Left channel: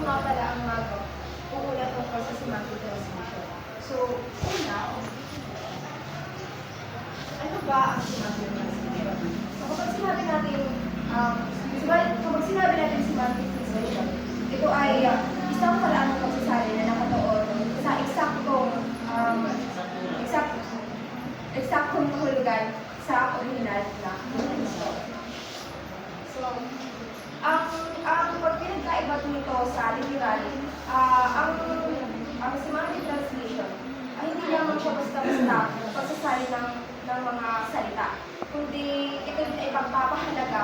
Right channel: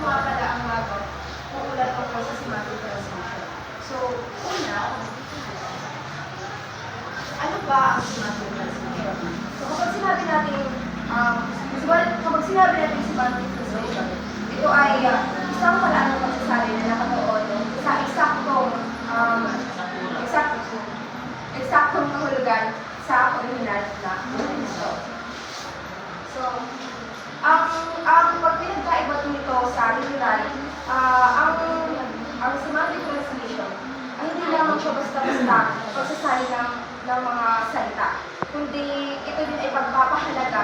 nga pala ang mga uulat tungkol sa semantic transmission. So, una, ano ba ang semantic transmission? So, kapag sinabi natin, semantic transmission, ito ay isang paraan ng pagsasabi na nakatuon sa eksaktong kahulugan sa orihinal na teksto. So, ang pagpinagkaiba nito sa literal, ang semantic translation ay hindi lamang siya basta-basta pagsasali ng mga salita, kundi ito din ay pagpapahalaga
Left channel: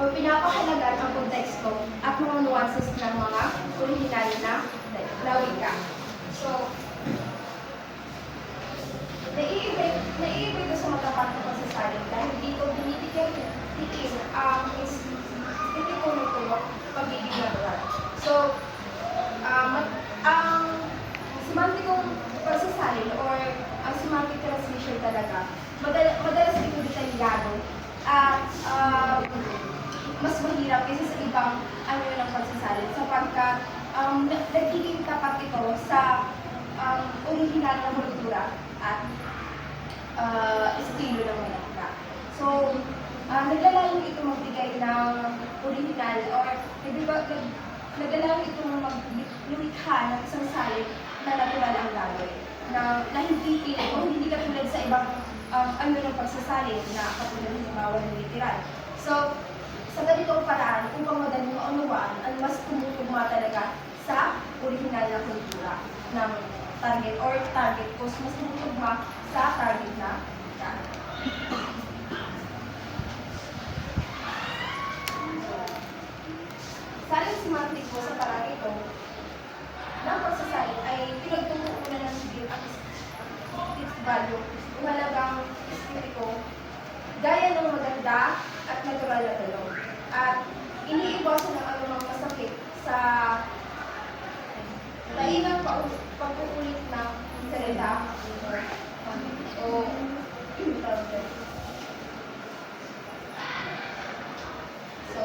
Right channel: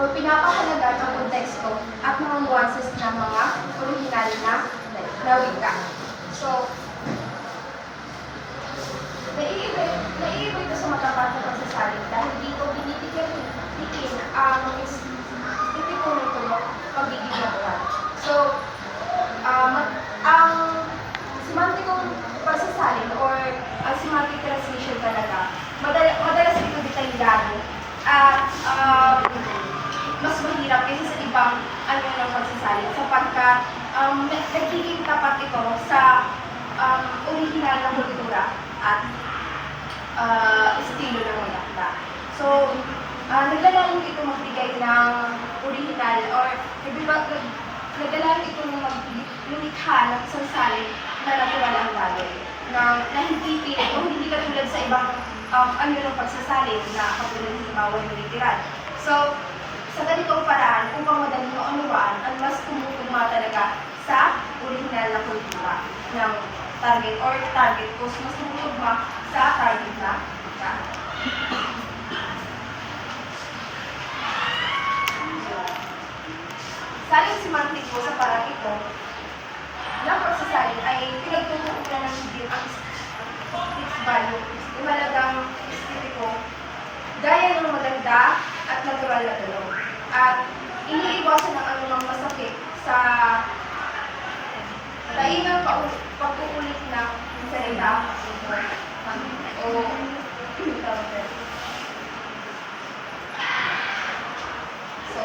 o pinapahalaga ng konteksto at mga nuances ng mga orihinal na wika. So, naiiba ito sa matapat na pagsasaling dahil dito binitikin ang espiritu ng tulok pagiging natural. So, ang semantikong pagsasalin or ang semantic translation talaga, madalas ito detalyado at mas mahirap kaysa sa ibang ng pagsasalin sapagkat nagiging tapat ito sa orihinal na kultura at estilo ng mga akda. So, nagdalayan ito magbigay ng orihinal or nagdalayan ito lumikha ng isang salin na natural ang gagawin na hindi katulad sa ibang ng pagsasalin na katulad ng halimbawa ng literal. So, sa ganitong paraan, upang madaling maunawaan, ang mas kumutugma talaga sa orihinal na kultura ng target cause mas kumutugma sa target na saling semantic po sa parang ito ng pagsasalin ay pinagtutuunan ng din ang its value, yung halagang espiritu, gaya ng maganda at natural na tulong. At iniiwasan ang anumang masakit sa taingang pag-uulit ng salita o so,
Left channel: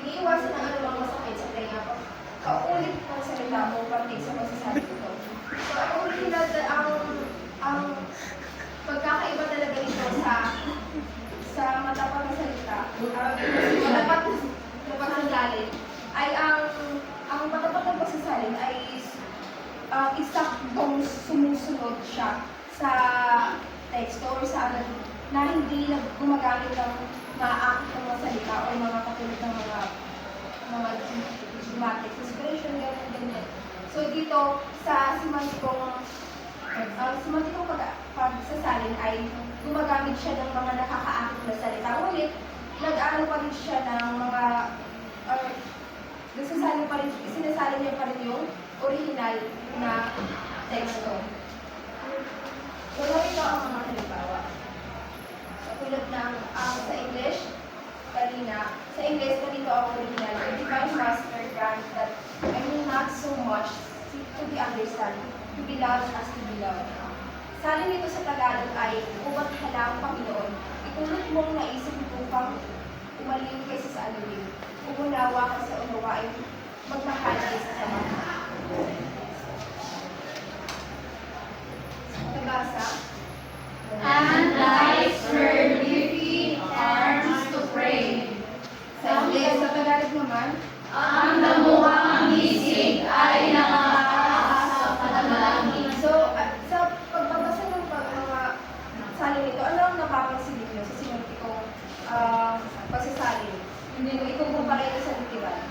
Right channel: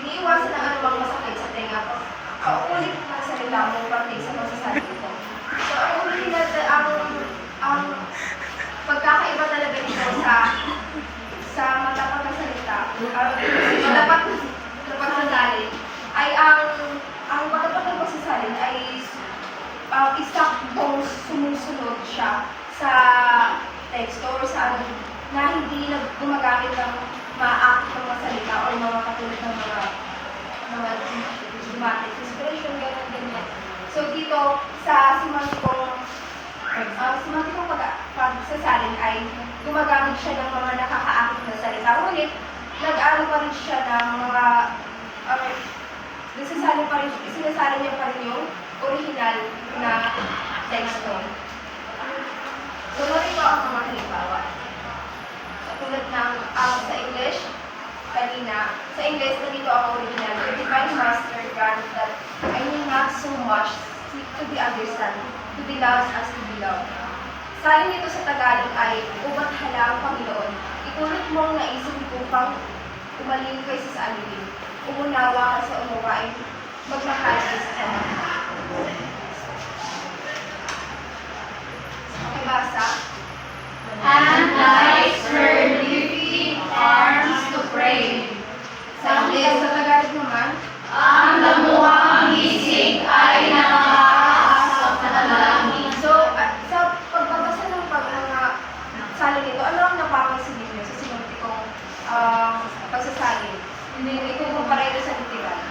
iniiwasan ang anumang masakit sa tenga paulit ng salita o parte sa pagsasabi ito. So, ang original, ang pagkakaiba talaga nito sa matapat na salita, matapat na pagsasalin, ay ang matapat na pagsasalin ay isaktong sumusunod siya sa teksto or sa na hindi na gumagamit ng maaakit ng mga salita o mga katulad ng mga dramatic inspiration, ganyan. So dito, sa semantikong pagsasalin ay gumagamit siya ng mga nakakaakit na salita. Ngunit, nag-aaral pa rin siya ng mga sinasalin niya pa rin yung original na teksto. So, narito ang mga halimbawa. Tulad ng sa English, kanina, sa English, nandito ang original. The divine master grant that I need not so much to be understood, to be loved as to be loved. Salin nito sa Tagalog ay, ubat hala ang Panginoon, itulot mo ang naisip upang umaling kaysa sa alibin. Umunawa ka sa umuwain, magmahal kaysa sa mga. Okay, basa. And lights her lifting arms to pray. Sa English, sa Tagalog naman, Ang damuhang gising ay nakakaasap na dalangin. so, sa pagbabasa ng mga salin nito, ano ang napapansin niyo sa sinuntikong pagsasalin? Hindi ito kumpara ito sa literal.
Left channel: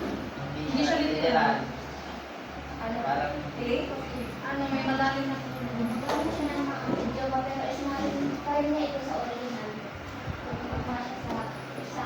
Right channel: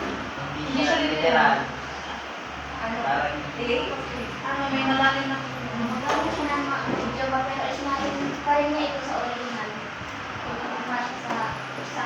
Hindi siya literal. Ano? Ano, may malalim na Magawa siya ng mga Java, pero ismarin pa rin niya ito sa original. Pagkakama siya sa